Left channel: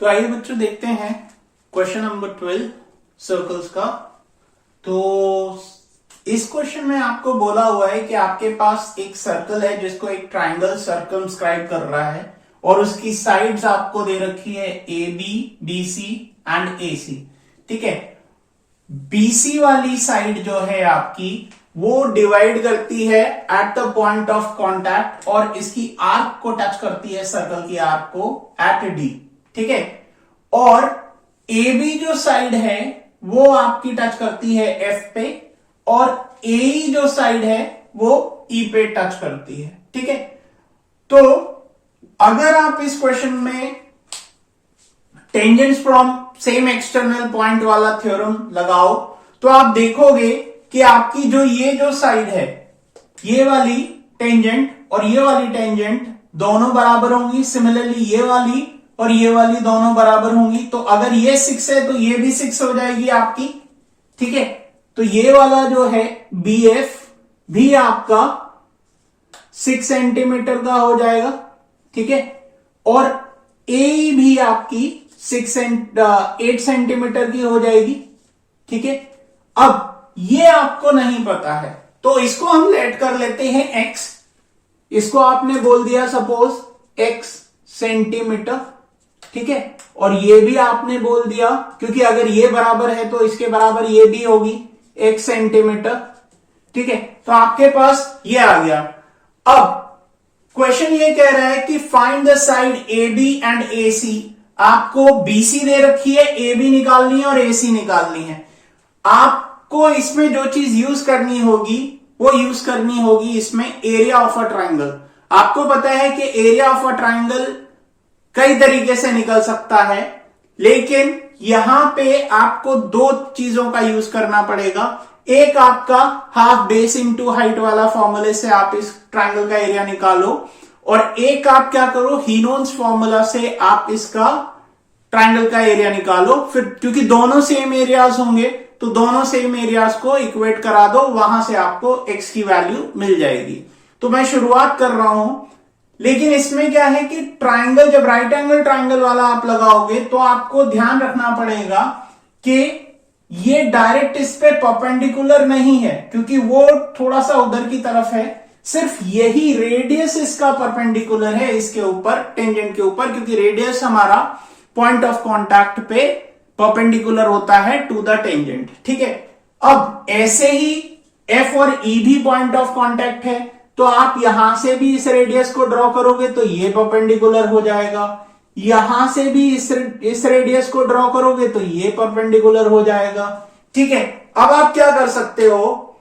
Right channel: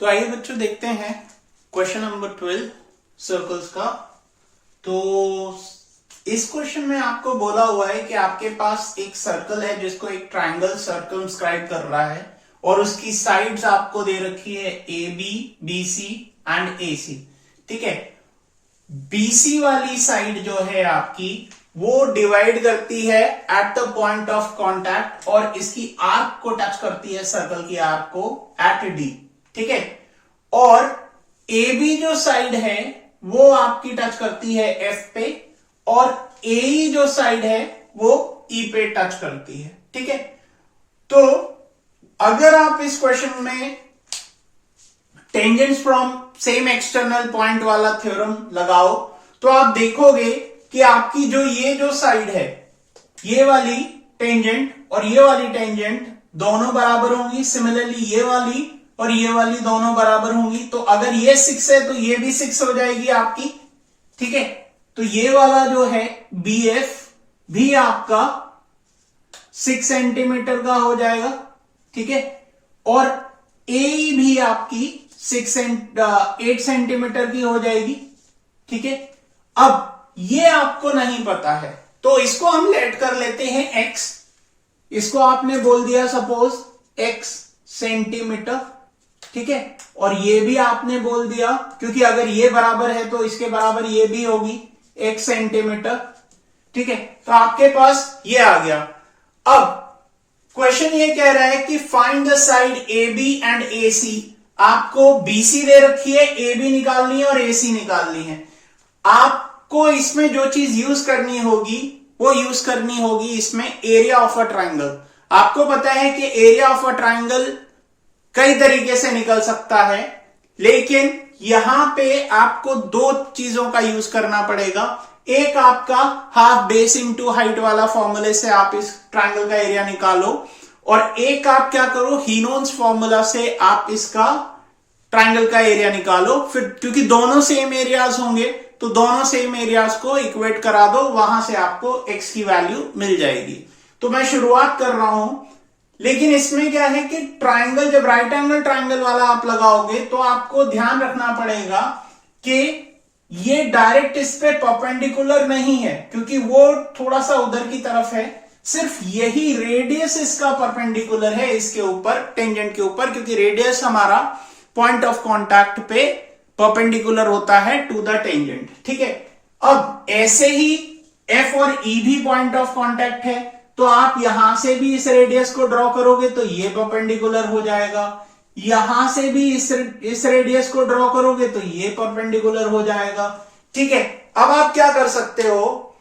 तो आइए बच्चों देखते हैं क्वेश्चन नंबर 12 सर्कल्स का। तो इस क्वेश्चन में आपको बोला हुआ है कि आपके पास एक सर्कल है जिसको एक ट्राइंगल सर्कमस्क्राइब कर रहा है और उसकी साइड्स आपको दे रखी है A B, B C and A C. ठीक है, बीसी वाली साइड जो है आपकी वो डिवाइड करती है at the point of contact और इसकी आर्क को टच करती है सर्कल की आर्क को एट डी। ठीक है, और ए बी जो साइड है वो आपकी टच करती है एफ पे और ए जो साइड है वो ई पे टच करती है। ठीक है, तो अगर आप इस क्वेश्चन में tangents from same external point वाला थ्योरम लगाओ तो आप देखोगे कि आपकी जो साइड है, ये वाली टेंजेंट और ये वाली टेंजेंट दोनों बराबर होंगी। सिमिलरली ये वाली और ये वाली दोनों बराबर होंगी। तो अगर ये 6 है तो ये भी 6 हो जाएगी आपकी। ठीक है, तो ये वाला जो है बी एफ भी आपका 6 सेंटीमीटर का हो जाएगा। ठीक है, और ए भी आपकी 8 सेंटीमीटर की हो जाएगी। ठीक है, अब ये आपको नहीं पता है तो इसको हम लेट कर लेते हैं x। इसको आपने बोल दिया सपोज x सेंटीमीटर। ठीक है, और ये भी आपने बोल दिया क्योंकि अगर ये बराबर है तो इसके बराबर ये भी होगी x सेंटीमीटर। ठीक है, तो आपके पास ये आ गया। अब क्वेश्चन ये कह रहा है कि find the side A B and A C. आपको बीसी दे रखी है, ए बी निकालनी है और ए सी निकालनी है। आपको इसमें जो चीज यूज करनी होगी वो यूज करनी होगी इसमें एरिया ऑफ अ ट्राइंगल। आपको पता है कि एरिया ऑफ अ ट्राइंगल कई तरीके से निकल सकता है, लेकिन यहां पे आपको दो चीजों का यूज करना पड़ेगा। एक आपका हाफ बेस इंटू हाइट वाला फॉर्मूले से आप इस ट्राइंगल का एरिया निकालो और एक आप क्या करो, हीनोन्स फॉर्मूला से आप इसका ट्राइंगल का एरिया निकालो। फिर क्योंकि दोनों सेम एरियाज होंगे तो दोनों सेम एरियाज को इक्वेट करा दो, वहां से आपको x की वैल्यू मिल जाएगी। तो मैं शुरुआत कर रहा हूं, लेकिन इसमें क्या है कि ट्राइंगल, जब राइट एंगल ट्राइंगल वाला आप लगाओगे तो आपको ध्यान रखना पड़ेगा कि ये डायरेक्ट इस पे परपेंडिकुलर नहीं है क्योंकि वो थोड़ा सा उधर की तरफ है। सिर्फ यही रेडियस इसका परपेंडिकुलर है इसके ऊपर, टेंजेंट के ऊपर, क्योंकि रेडियस हमारा पॉइंट ऑफ कांटेक्ट पे परपेंडिकुलर होता है टू द टेंजेंट। ठीक है, अब ऐसे ही एफ और ई भी पॉइंट ऑफ कांटेक्ट है तो आप यहां से भी इस रेडियस को ड्रॉ करोगे तो ये परपेंडिकुलर हो जाएगा। यहां से भी इस रेडियस को ड्रॉ करोगे तो ये परपेंडिकुलर हो जाएगा। ठीक है, अब आप क्या कर सकते हो,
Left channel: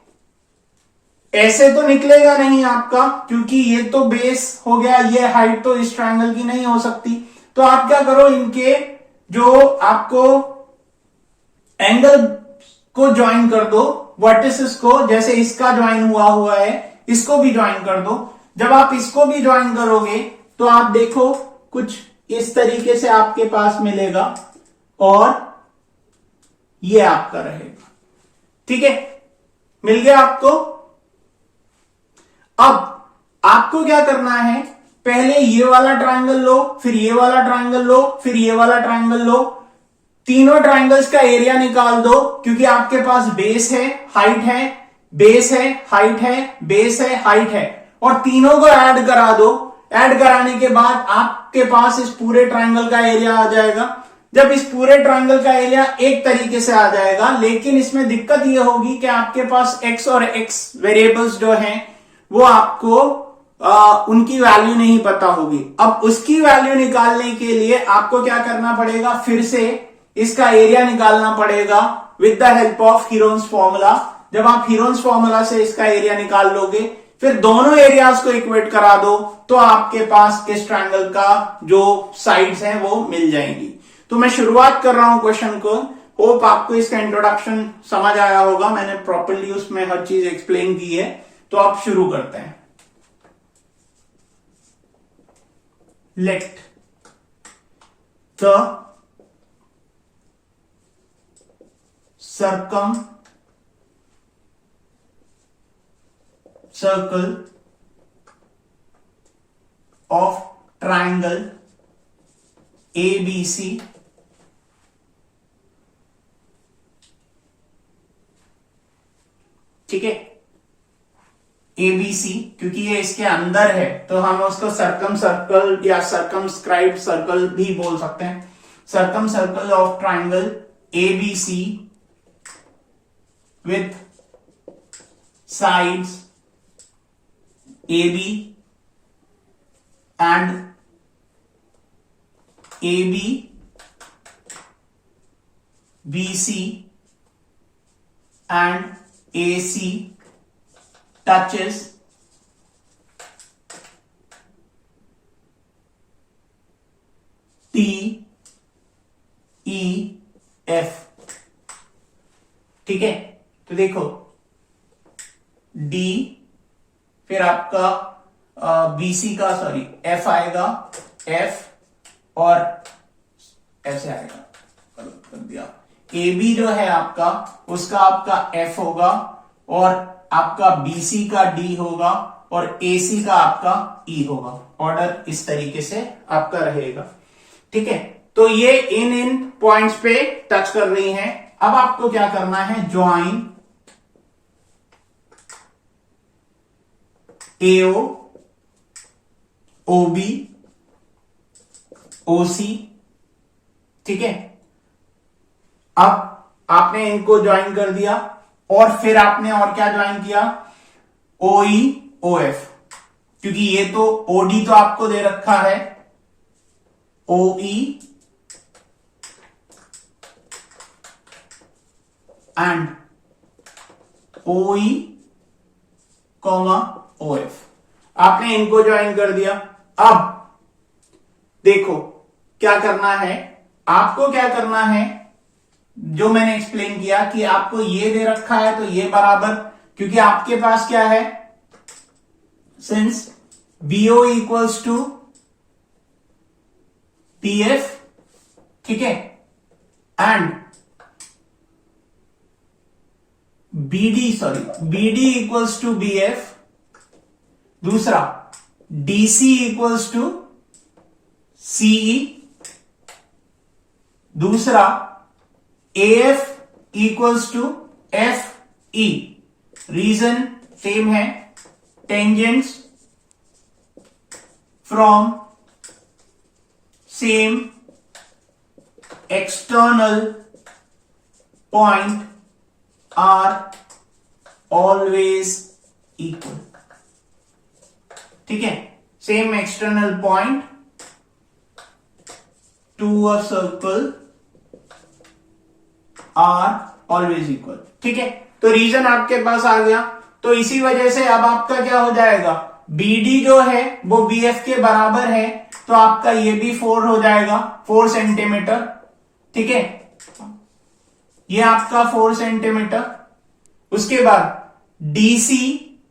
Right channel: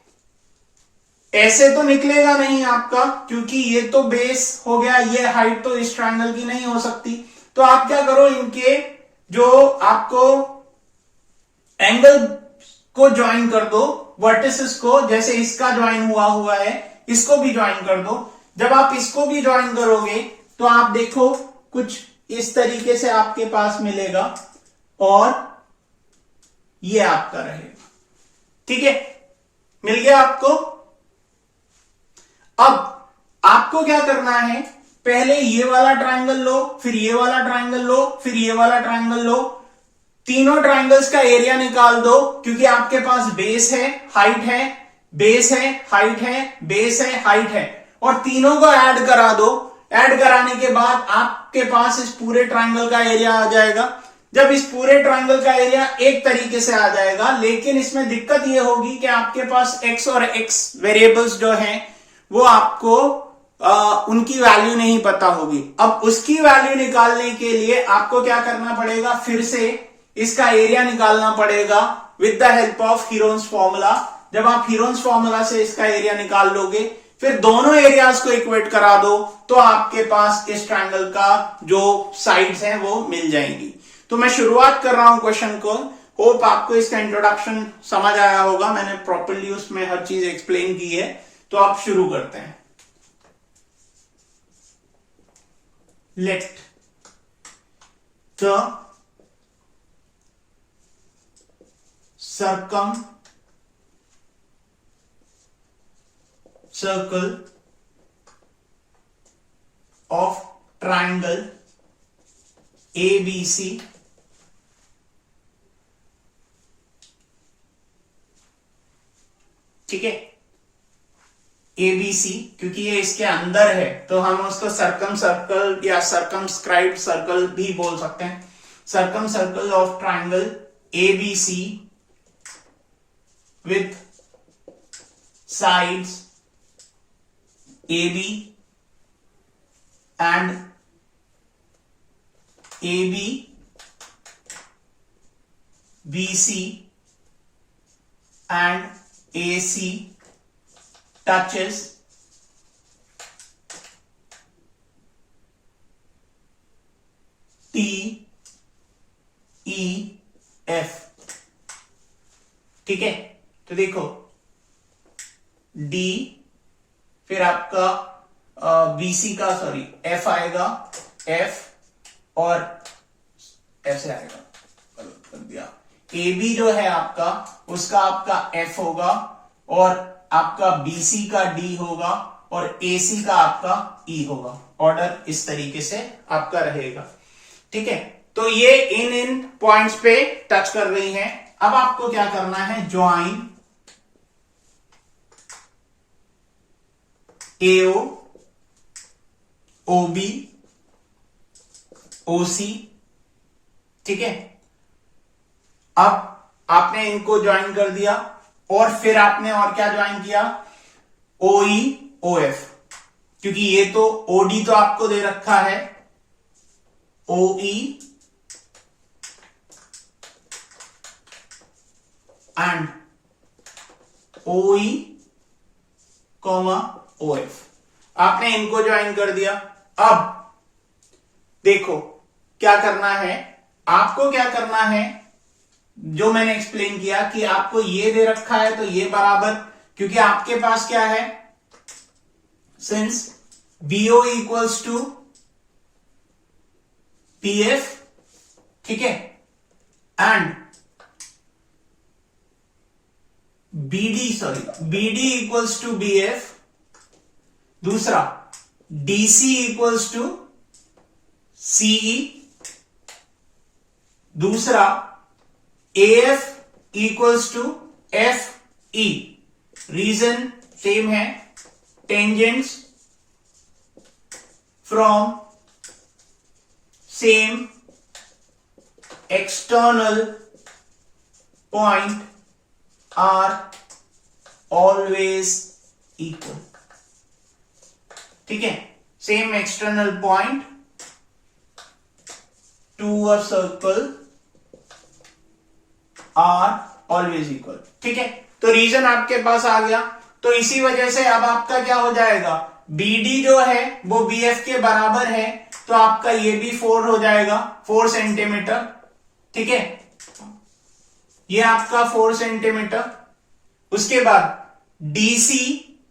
ऐसे तो निकलेगा नहीं आपका क्योंकि ये तो बेस हो गया, ये हाइट तो इस ट्रायंगल की नहीं हो सकती। तो आप क्या करो, इनके जो आपको एंगल को ज्वाइन कर दो, वर्टिसेस को, जैसे इसका ज्वाइन हुआ है इसको भी ज्वाइन कर दो। जब आप इसको भी ज्वाइन करोगे तो आप देखो कुछ इस तरीके से आपके पास मिलेगा और ये आपका रहेगा। ठीक है, मिल गया आपको। अब आपको क्या करना है, पहले ये वाला ट्रायंगल लो, फिर ये वाला ट्रायंगल लो, फिर ये वाला ट्रायंगल लो। तीनों ट्रायंगल्स का एरिया निकाल दो क्योंकि आपके पास बेस है, हाइट है, बेस है, हाइट है, बेस है, हाइट है, और तीनों को ऐड करा दो। ऐड कराने के बाद आपके पास इस पूरे ट्रायंगल का एरिया आ जाएगा। जब इस पूरे ट्रायंगल का एरिया एक तरीके से आ जाएगा, लेकिन इसमें दिक्कत यह होगी कि आपके पास x और x वेरिएबल्स जो हैं वो आपको उनकी वैल्यू नहीं पता होगी। अब उसकी वैल्यू निकालने के लिए आपको क्या करना पड़ेगा, फिर से इसका एरिया निकालना पड़ेगा with the help of Heron's formula. जब आप हीरोन्स फॉर्मूला से इसका एरिया निकाल लोगे, फिर दोनों एरियाज को इक्वेट करा दो तो आपके पास इस ट्रायंगल का जो साइड्स हैं वो मिल जाएंगी। तो मैं शुरुआत कर रहा हूं क्वेश्चन को। होप आपको इसका इंट्रोडक्शन समझ आया होगा, मैंने प्रॉपरली उसमें हर चीज एक्सप्लेन की है। तो आप शुरू करते हैं। Let the circle of triangle ABC ठीक है, ABC क्योंकि ये इसके अंदर है तो हम उसको सर्कम सर्कल या सर्कमस्क्राइब्ड सर्कल भी बोल सकते हैं। Circum circle of triangle ABC with sides AB and AB, BC and AC touches TEF ठीक है। तो देखो D फिर आपका BC का सॉरी F आएगा, F और ऐसे आएगा, गलत कर दिया। AB जो है आपका उसका आपका F होगा और आपका BC का D होगा और AC का आपका E होगा। ऑर्डर इस तरीके से आपका रहेगा ठीक है। तो ये इन पॉइंट्स पे टच कर रही हैं। अब आपको क्या करना है, ज्वाइन AO OB OC ठीक है। अब आपने इनको ज्वाइन कर दिया और फिर आपने और क्या ज्वाइन किया, OE OF क्योंकि ये तो OD तो आपको दे रखा है, OE एंड OE OF आपने इनको ज्वाइन कर दिया। अब देखो क्या करना है, आपको क्या करना है, जो मैंने एक्सप्लेन किया कि आपको ये दे रखा है तो ये बराबर, क्योंकि आपके पास क्या है, since BO equals to PF ठीक है and BD equals to BF, दूसरा DC इक्वल्स टू CE, दूसरा AF equals to FE। Reason same है, tangents from same external point are always equal ठीक है। Same external point to a circle are always equal ठीक है। तो reason आपके पास आ गया। तो इसी वजह से अब आपका क्या हो जाएगा, BD जो है वो BF के बराबर है तो आपका ये भी 4 हो जाएगा, 4 सेंटीमीटर ठीक है। ये आपका 4 सेंटीमीटर। उसके बाद DC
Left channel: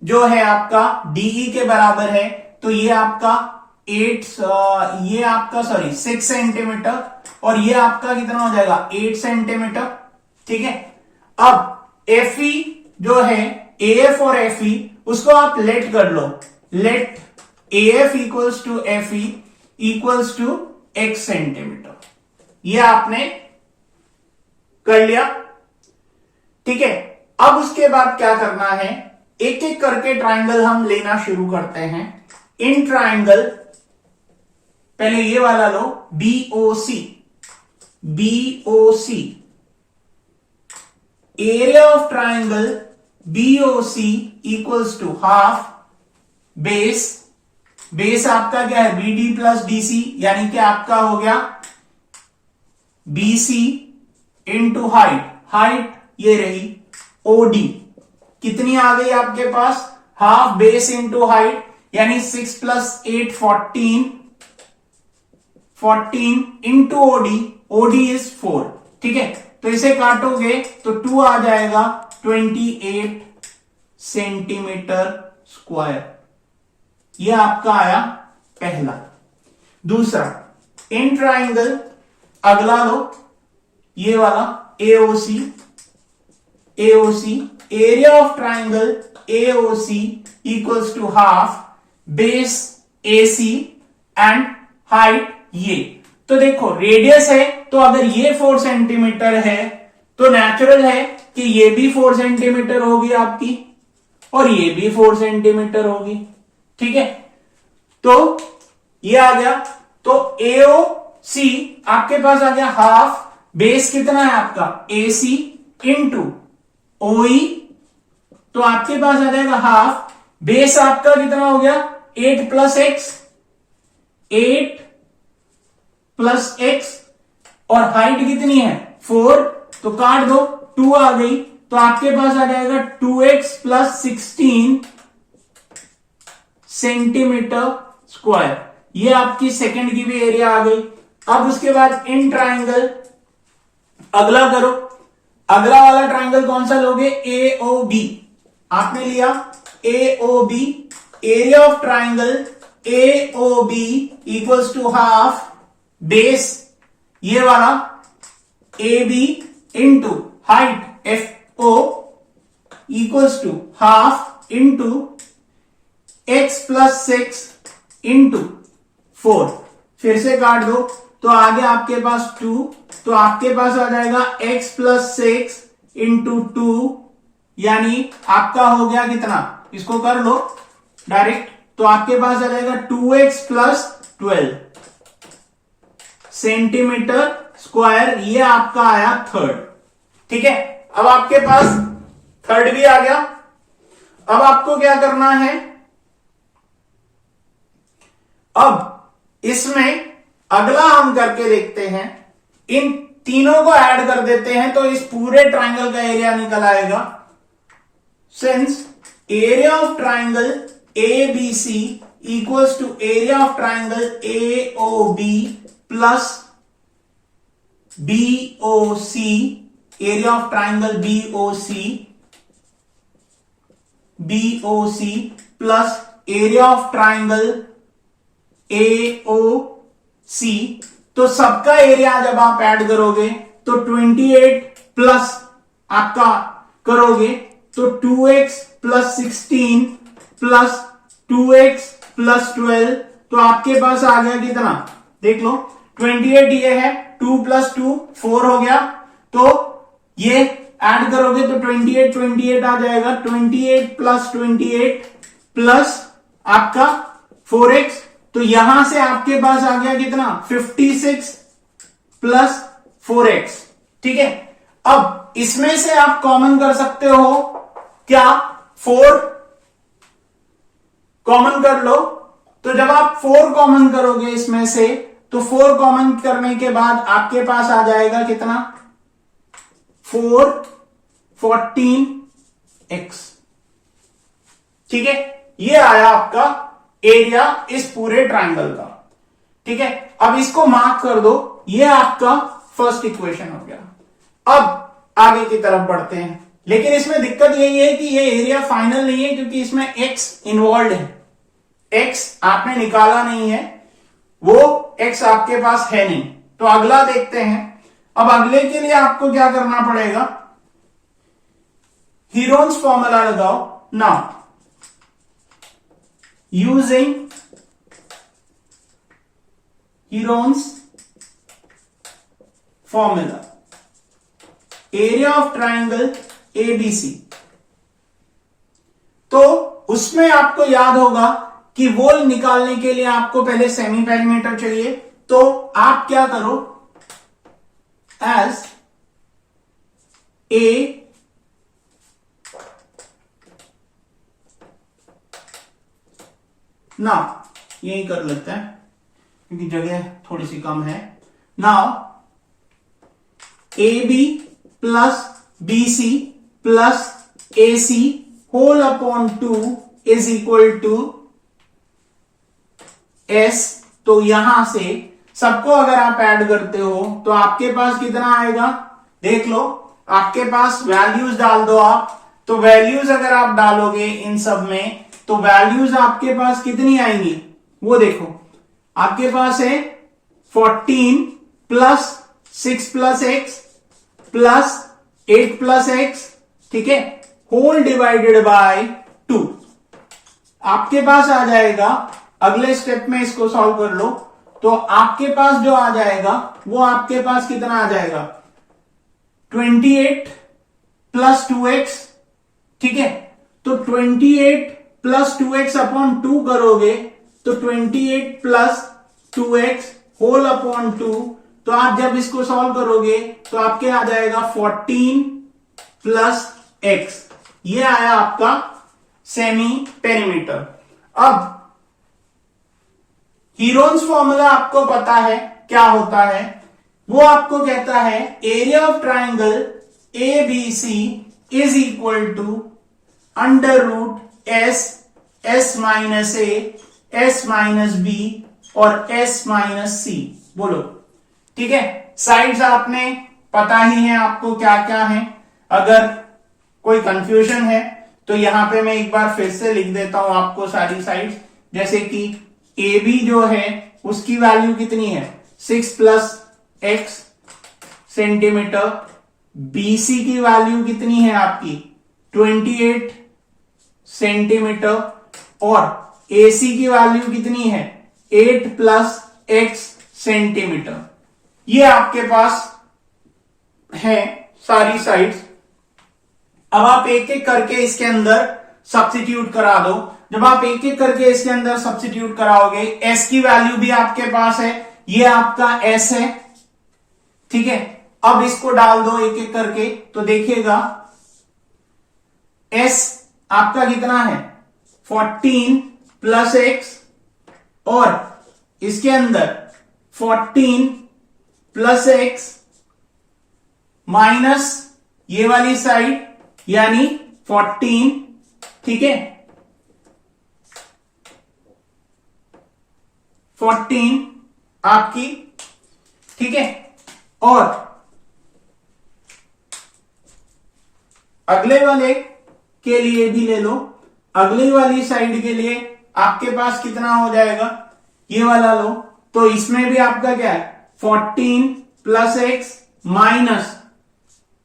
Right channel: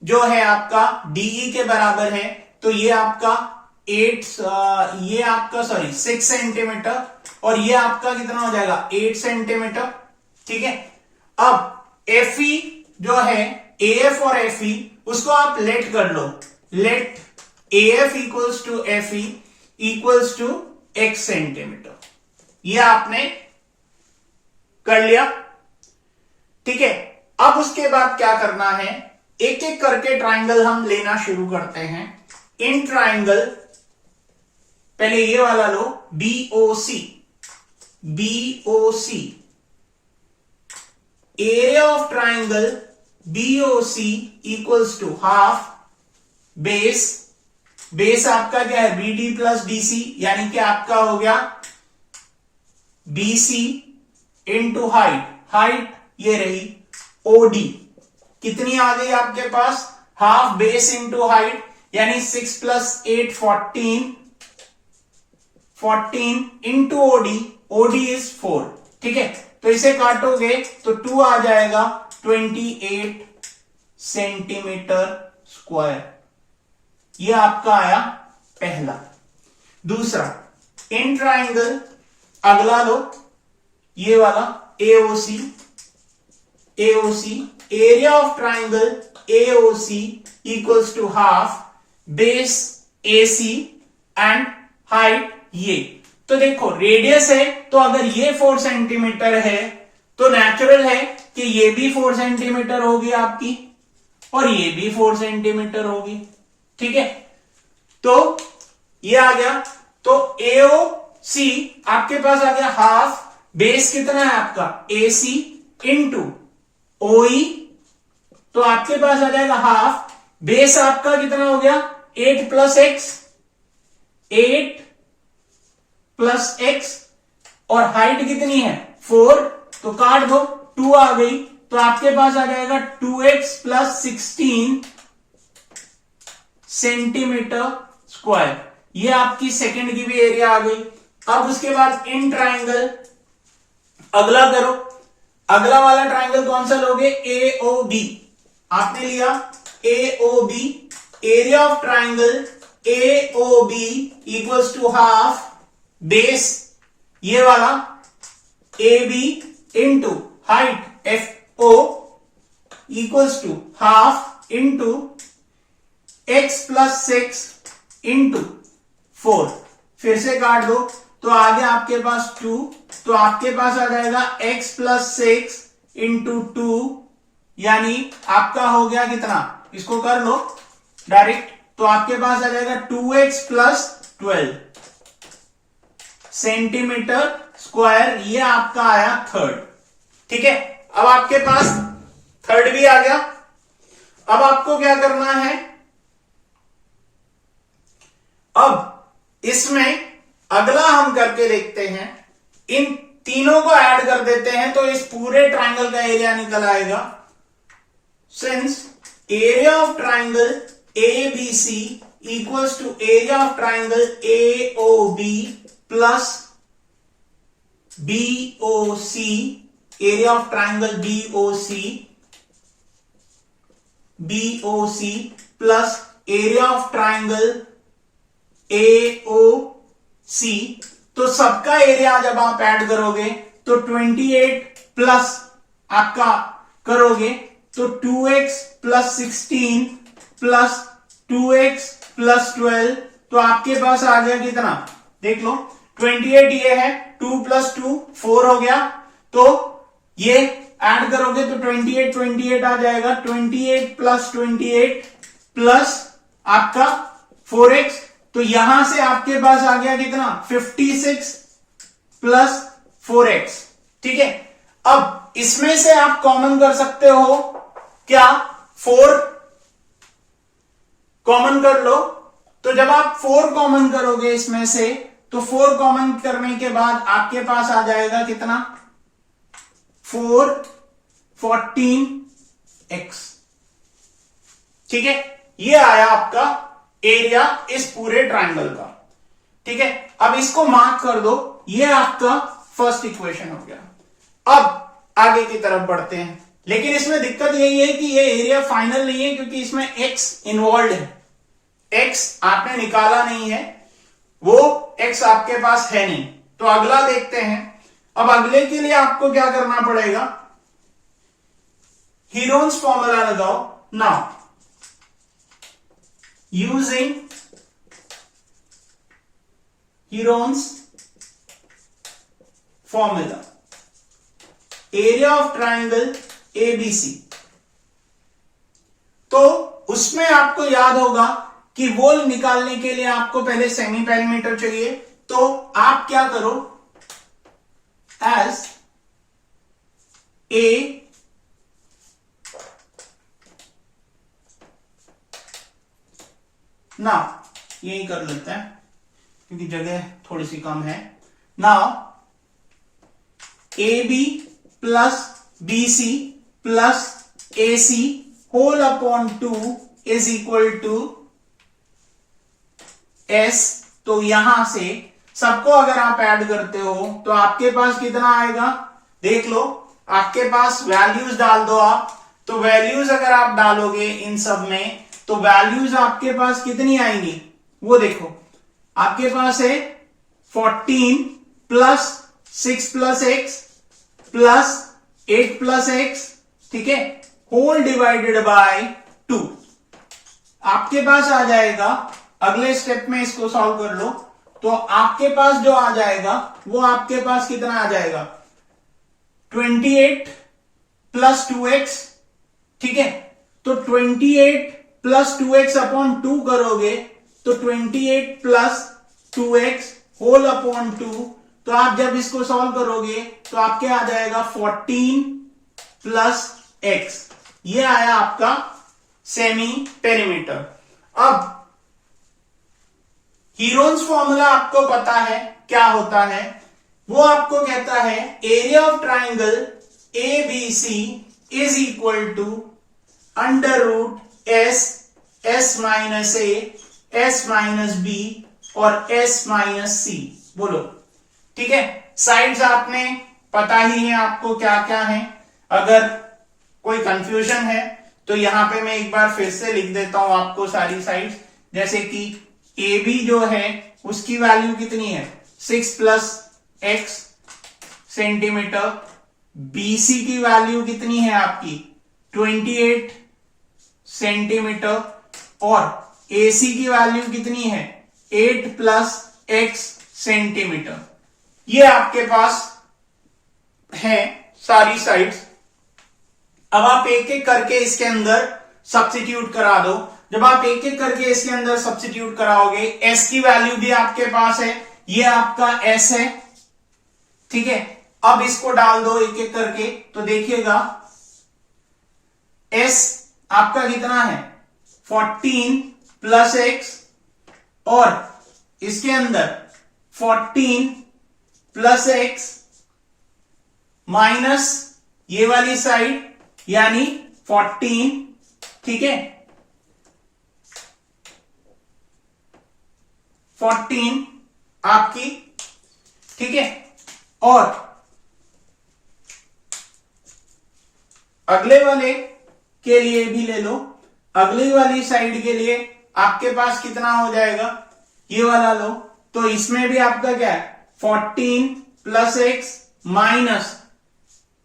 जो है आपका DE के बराबर है तो ये आपका 6 सेंटीमीटर और ये आपका कितना हो जाएगा, 8 सेंटीमीटर ठीक है। अब FE जो है AF और FE उसको आप लेट कर लो, let AF equals to FE equals to X centimetre, ये आपने कर लिया ठीक है। अब उसके बाद क्या करना है, एक एक करके ट्राइंगल हम लेना शुरू करते हैं। इन ट्राइंगल पहले ये वाला लो, BOC area of triangle BOC equals to half base आपका क्या है, BD प्लस DC यानी कि आपका हो गया BC इंटू हाइट ये रही OD, कितनी आ गई आपके पास, हाफ बेस इंटू हाइट यानी 6 प्लस 8 14 इंटू OD इज 4 ठीक है। तो इसे काटोगे तो 2 आ जाएगा, 28 सेंटीमीटर स्क्वायर, ये आपका आया पहला। दूसरा इन ट्राइंगल अगला लो, ये वाला AOC area of triangle AOC equals to half base AC and height ये। तो तो देखो रेडियस है, तो अगर ये 4 सेंटीमीटर है तो नेचुरल है कि ये भी 4 सेंटीमीटर होगी आपकी और ये भी 4 सेंटीमीटर होगी। ठीक है, तो ये आ गया। तो AOC आपके पास आ गया हाफ, बेस कितना है आपका AC इंटू OE, तो आपके पास आ जाएगा हाफ, बेस आपका कितना हो गया 8 प्लस एक्स, 8 प्लस एक्स, और हाइट कितनी है 4, तो काट दो 2 आ गई, तो आपके पास आ जाएगा 2x प्लस 16 सेंटीमीटर स्क्वायर। ये आपकी सेकंड की भी एरिया आ गई। अब उसके बाद इन ट्राइंगल अगला करो, अगला वाला ट्राइंगल कौन सा लोगे, AOB आपने लिया, AOB area of triangle AOB equals to half base ये वाला AB into height FO equals to half into x plus 6 into 4, फिर से काट दो, तो आगे आपके पास 2, तो आपके पास आ जाएगा x प्लस 6 इंटू 2, यानी आपका हो गया कितना, इसको कर लो डायरेक्ट, तो आपके पास आ जाएगा 2x प्लस 12 सेंटीमीटर स्क्वायर। ये आपका आया थर्ड। ठीक है, अब आपके पास थर्ड भी आ गया। अब आपको क्या करना है, अब इसमें अगला हम करके देखते हैं, इन तीनों को ऐड कर देते हैं तो इस पूरे ट्राइंगल का एरिया निकल आएगा। Since area of triangle ABC equals to area of triangle AOB plus BOC, area of triangle BOC plus area of triangle AOC, तो सबका एरिया जब आप ऐड करोगे तो 28 प्लस आपका करोगे तो 2x plus 16 plus 2x plus 12, तो आपके पास आ गया कितना, देख लो 28 ये है, 2 प्लस 2 4 हो गया, तो ये ऐड करोगे तो 28 आ जाएगा, 28 प्लस 28 प्लस आपका 4x, तो यहां से आपके पास आ गया कितना 56 प्लस 4x। ठीक है, अब इसमें से आप कॉमन कर सकते हो क्या, 4 कॉमन कर लो, तो जब आप 4 कॉमन करोगे इसमें से, तो 4 कॉमन करने के बाद आपके पास आ जाएगा कितना 4 14x। ठीक है, ये आया आपका एरिया इस पूरे ट्राइंगल का। ठीक है, अब इसको मार्क कर दो, ये आपका फर्स्ट इक्वेशन हो गया। अब आगे की तरफ बढ़ते हैं, लेकिन इसमें दिक्कत यही है कि ये एरिया फाइनल नहीं है क्योंकि इसमें x इन्वॉल्व है, x आपने निकाला नहीं है, वो x आपके पास है नहीं। तो अगला देखते हैं। अब अगले के लिए आपको क्या करना पड़ेगा, हीरोन्स फॉर्मूला लगाओ। Now using Heron's formula area of triangle ABC, तो उसमें आपको याद होगा कि वोल निकालने के लिए आपको पहले सेमी पेरीमीटर चाहिए, तो आप क्या करो, एज ए नाउ यही कर लेते हैं क्योंकि जगह थोड़ी सी कम है। Now AB plus BC plus AC whole upon 2 is equal to S, तो यहां से सबको अगर आप ऐड करते हो तो आपके पास कितना आएगा, देख लो, आपके पास वैल्यूज डाल दो आप, तो वैल्यूज अगर आप डालोगे इन सब में तो वैल्यूज आपके पास कितनी आएंगी, वो देखो आपके पास है 14 plus 6 plus x plus 8 plus x, ठीक है, होल डिवाइडेड बाय 2। आपके पास आ जाएगा, अगले स्टेप में इसको सॉल्व कर लो, तो आपके पास जो आ जाएगा वो आपके पास कितना आ जाएगा 28 प्लस 2x। ठीक है, तो 28 प्लस 2x अपॉन 2 करोगे तो 28 प्लस 2x होल अपॉन 2, तो आप जब इसको सॉल्व करोगे तो आपके आ जाएगा 14 प्लस x। ये आया आपका सेमी पेरीमीटर। अब हीरोन्स फॉर्मूला आपको पता है क्या होता है, वो आपको कहता है area of triangle A B C is equal to under root S minus A, S minus B और एस माइनस सी। बोलो, ठीक है। साइड्स आपने पता ही है आपको क्या क्या है। अगर कोई कंफ्यूजन है तो यहां पे मैं एक बार फिर से लिख देता हूं आपको सारी साइड्स। जैसे कि ए बी जो है उसकी वैल्यू कितनी है 6 plus x centimeter, B C की वैल्यू कितनी है आपकी 28 सेंटीमीटर और ए सी की वैल्यू कितनी है 8 प्लस एक्स सेंटीमीटर। ये आपके पास है सारी साइड्स। अब आप एक एक करके इसके अंदर सब्स्टिट्यूट करा दो। जब आप एक एक करके इसके अंदर सब्स्टिट्यूट कराओगे, एस की वैल्यू भी आपके पास है, ये आपका एस है, ठीक है। अब इसको डाल दो एक एक करके, तो देखिएगा एस आपका कितना है 14 प्लस एक्स और इसके अंदर 14 प्लस एक्स माइनस ये वाली साइड यानी 14, ठीक है 14 आपकी, ठीक है। और अगले वाले के लिए भी ले लो, अगली वाली साइड के लिए आपके पास कितना हो जाएगा, ये वाला लो, तो इसमें भी आपका क्या है 14 प्लस एक्स माइनस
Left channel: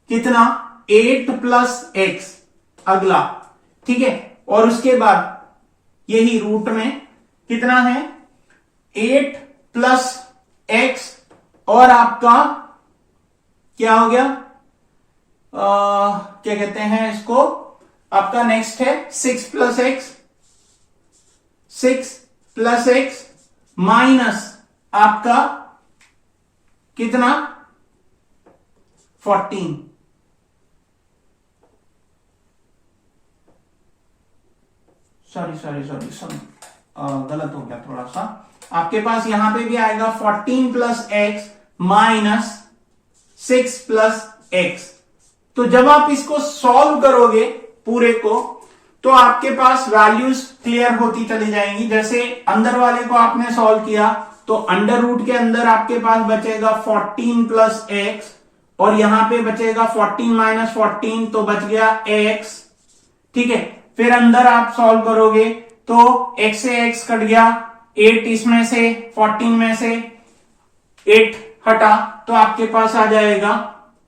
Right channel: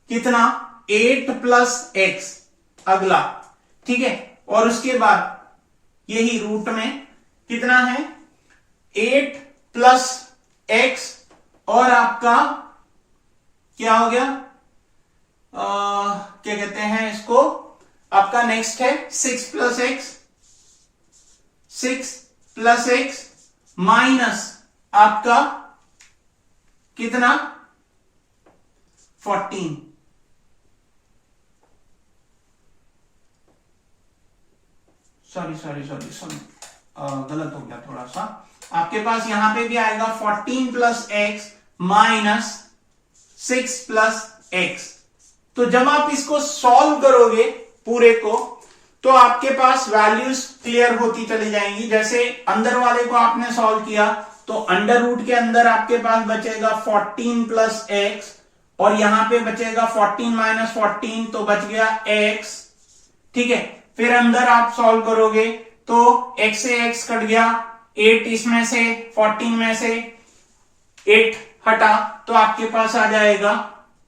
कितना 8 प्लस एक्स अगला, ठीक है। और उसके बाद यही रूट में कितना है 8 प्लस एक्स और आपका क्या हो गया क्या कहते हैं इसको, आपका नेक्स्ट है 6 plus x, 6 plus x minus आपका कितना 14, सॉरी गलत हो गया थोड़ा सा। आपके पास यहां पे भी आएगा 14 plus x minus 6 plus x. तो जब आप इसको सॉल्व करोगे पूरे को, तो आपके पास वैल्यूज क्लियर होती चली जाएंगी। जैसे अंदर वाले को आपने सॉल्व किया तो अंडर रूट के अंदर आपके पास बचेगा 14 प्लस एक्स और यहां पे बचेगा 14 माइनस 14, तो बच गया एक्स, ठीक है। फिर अंदर आप सॉल्व करोगे तो x से x कट गया, 8 इसमें से 14 में से 8 हटा तो आपके पास आ जाएगा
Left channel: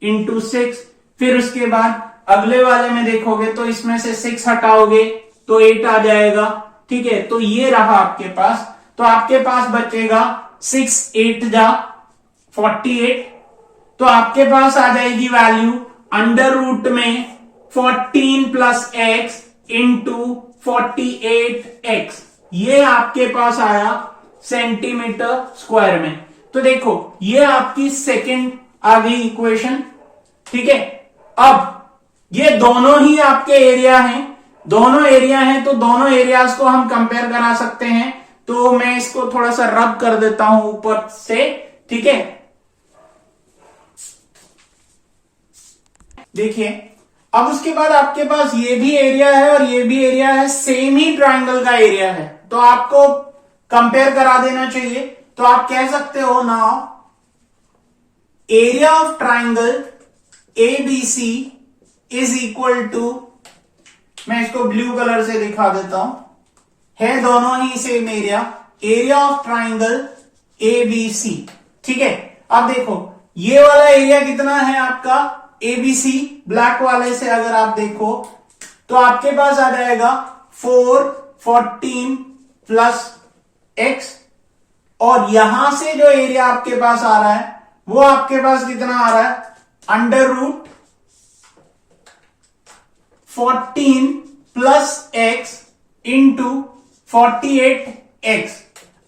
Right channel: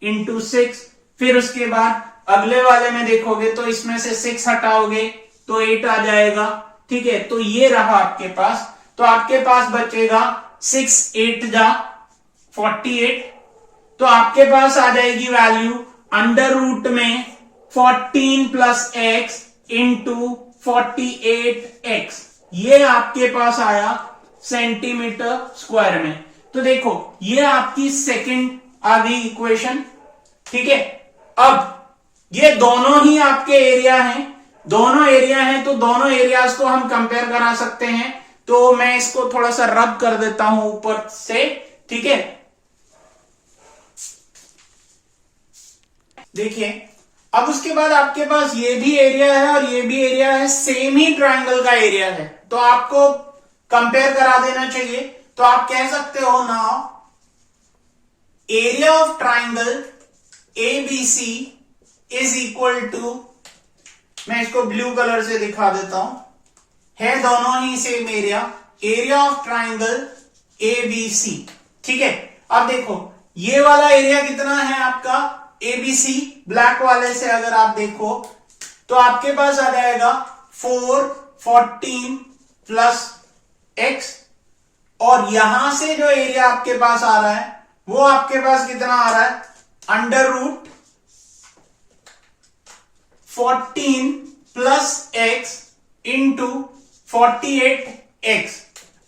इंटू 6। फिर उसके बाद अगले वाले में देखोगे तो इसमें से 6 हटाओगे तो 8 आ जाएगा, ठीक है। तो ये रहा आपके पास, तो आपके पास बचेगा 6 8 जा 48, तो आपके पास आ जाएगी वैल्यू अंडर रूट में 14 प्लस एक्स इंटू 48x, ये आपके पास आया सेंटीमीटर स्क्वायर में। तो देखो ये आपकी सेकंड आ गई इक्वेशन, ठीक है। अब ये दोनों ही आपके एरिया हैं, दोनों एरिया हैं तो दोनों एरियाज को हम कंपेयर करा सकते हैं। तो मैं इसको थोड़ा सा रब कर देता हूं ऊपर से, ठीक है। देखिए अब उसके बाद आपके पास ये भी एरिया है और ये भी एरिया है, सेम ही ट्राइंगल का एरिया है, तो आपको कंपेयर करा देना चाहिए। तो आप कह सकते हो now area of triangle A B C is equal to, मैं इसको ब्लू कलर से दिखा देता हूं, है दोनों ही same area, area of triangle A B C, ठीक है। अब देखो ये वाला एरिया कितना है आपका एबीसी, ब्लैक वाले से अगर आप देखो तो आपके पास आ जाएगा 4 14 प्लस एक्स और यहां से जो एरिया आपके पास आ रहा है वो आपके पास कितना आ रहा है, √14 प्लस x इंटू 48x।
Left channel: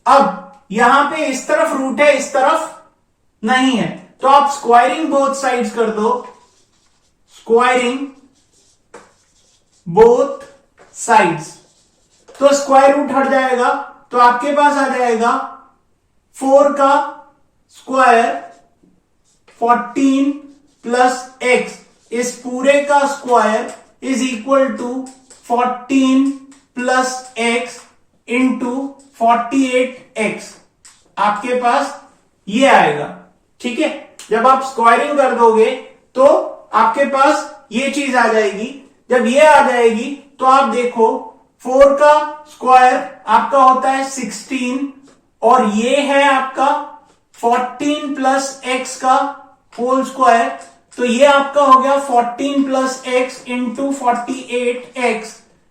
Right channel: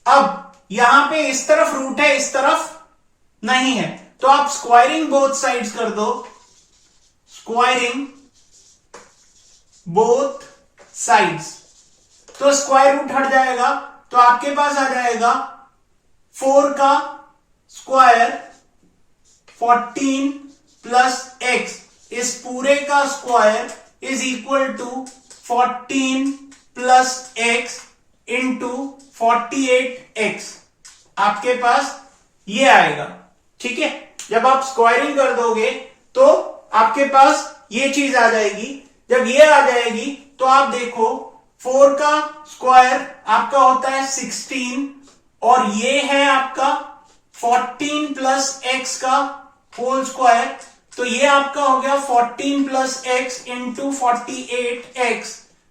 अब यहां पे इस तरफ रूट है, इस तरफ नहीं है, तो आप स्क्वायरिंग बोथ साइड्स कर दो, स्क्वायरिंग बोथ साइड्स, तो स्क्वायर रूट हट जाएगा, तो आपके पास आ जाएगा 4 का स्क्वायर 14 प्लस x, इस पूरे का square is equal to 14 plus x into 48x। आपके पास ये आएगा, ठीक है। जब आप स्क्वायरिंग कर दोगे तो आपके पास ये चीज आ जाएगी। जब ये आ जाएगी तो आप देखो 4 का स्क्वायर आपका होता है 16 और ये है आपका 14 प्लस x का होल स्क्वायर, तो ये आपका हो गया 14 प्लस x इंटू 48x।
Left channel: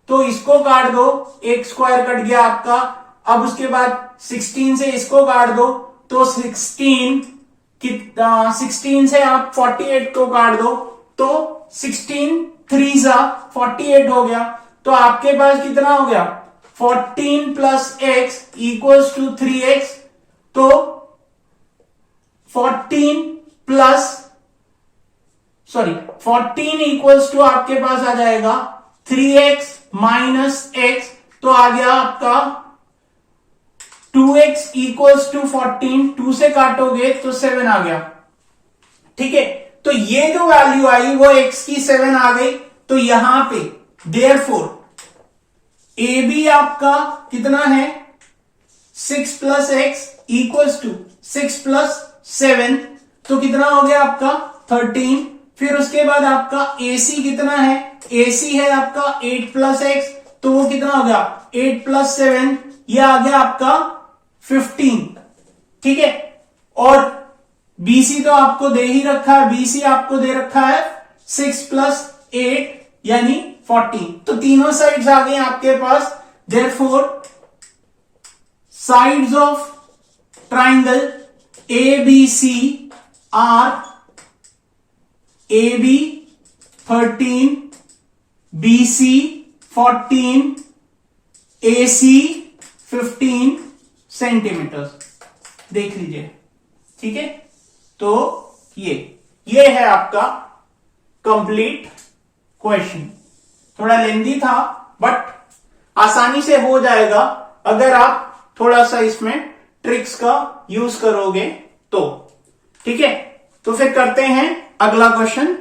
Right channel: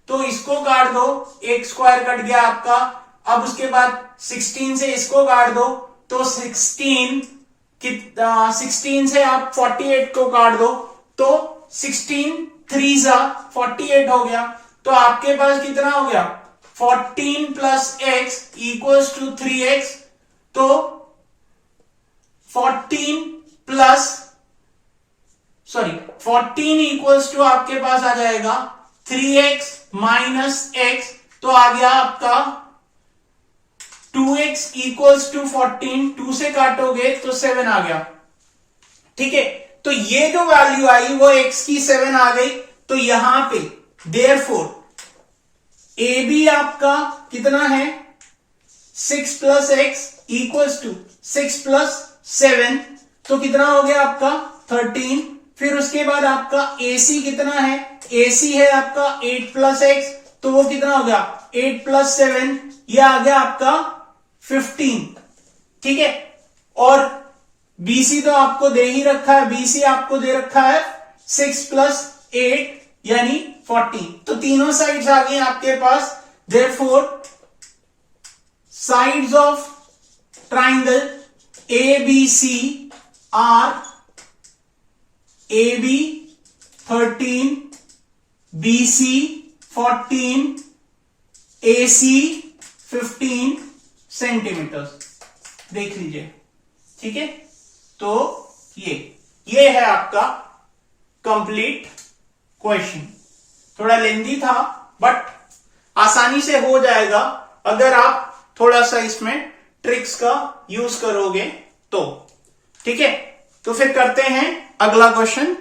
तो इसको काट दो, एक स्क्वायर कट गया आपका। अब उसके बाद 16 से इसको काट दो, तो 16 से आप 48 को काट दो, तो 16 3 जा 48 हो गया। तो आपके पास कितना हो गया, 14 plus x equals to 3x। तो 14 इक्वल्स टू आपके पास आ जाएगा 3x माइनस x, तो आ गया आपका 2x इक्वल्स टू 14, 2 से काटोगे तो 7 आ गया, ठीक है। तो ये जो वैल्यू आई वो x की 7 आ गई। तो यहां पे देयरफॉर ए बी आपका कितना है, 6 plus x equals to 6 plus 7, तो कितना हो गया आपका 13। फिर उसके बाद आपका AC कितना है, AC है आपका 8 प्लस एक्स, तो वो कितना हो गया 8 प्लस 7, ये आ गया आपका 15, ठीक है। और BC तो आपको दे ही रखा है, BC आपको दे रखा है 6 प्लस 8 यानी 14। तो तीनों साइड्स आ गए आपके पास। Therefore sides of triangle ABC are AB 13, BC 14, AC 15 centimetre. देख लीजिए, ठीक है। तो ये है आपका कंप्लीट क्वेश्चन। थोड़ा लेंदी था बट आसानी से हो जाएगा अगर आप थोड़ा सा इसमें ट्रिक्स का यूज करोगे तो, ठीक है। तो फिर करते हैं अगला क्वेश्चन।